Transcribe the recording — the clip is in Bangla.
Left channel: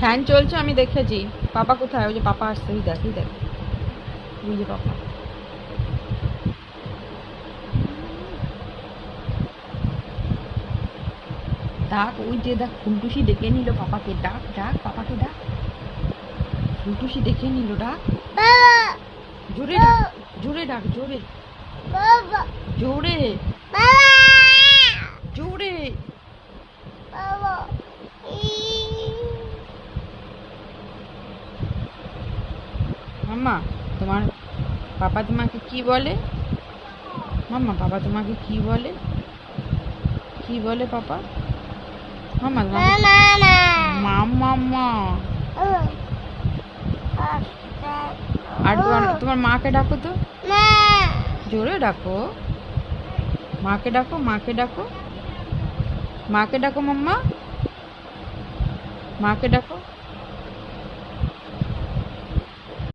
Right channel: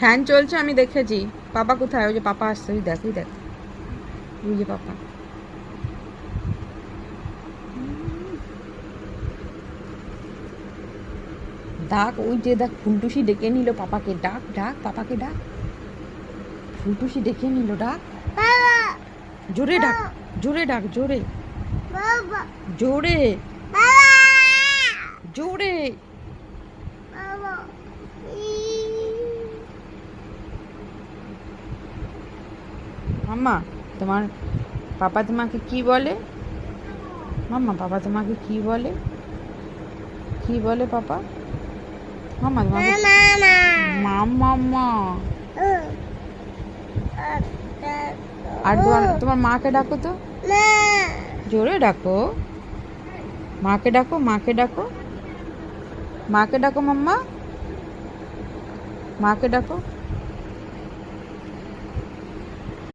ফ্যান চলছে, আমি দেখেছি। পাপা কোথায়? ওই যে পাপা আসছে, ওই দেখ, ওই দেখ, ওই যে পাপা। ডাক, ওই যে দেখ, ফুলটুসি ডেকে নিল পাপাকে। ডাক ডাক, পাপাকে ডাক। ফুলটুসি ডেকে নিল, ডাক। জোরে ডাক, জোরে ডাক, জোরে জোরে জোরে। মাম্মা, তোমার পাপা তোমাকে কি বলে? মাম্মা, পাপা তোমাকে কি বলে? কি বলে পাপা? মাম্মা তোমাকে মাম্মা। আর তোমার মাকে ডাকো তো, জোরে ডাকো। মাকে ডাকো, মাকে ডাকো, মাকে ডাকো মাম্মা, মাকে ডাকো।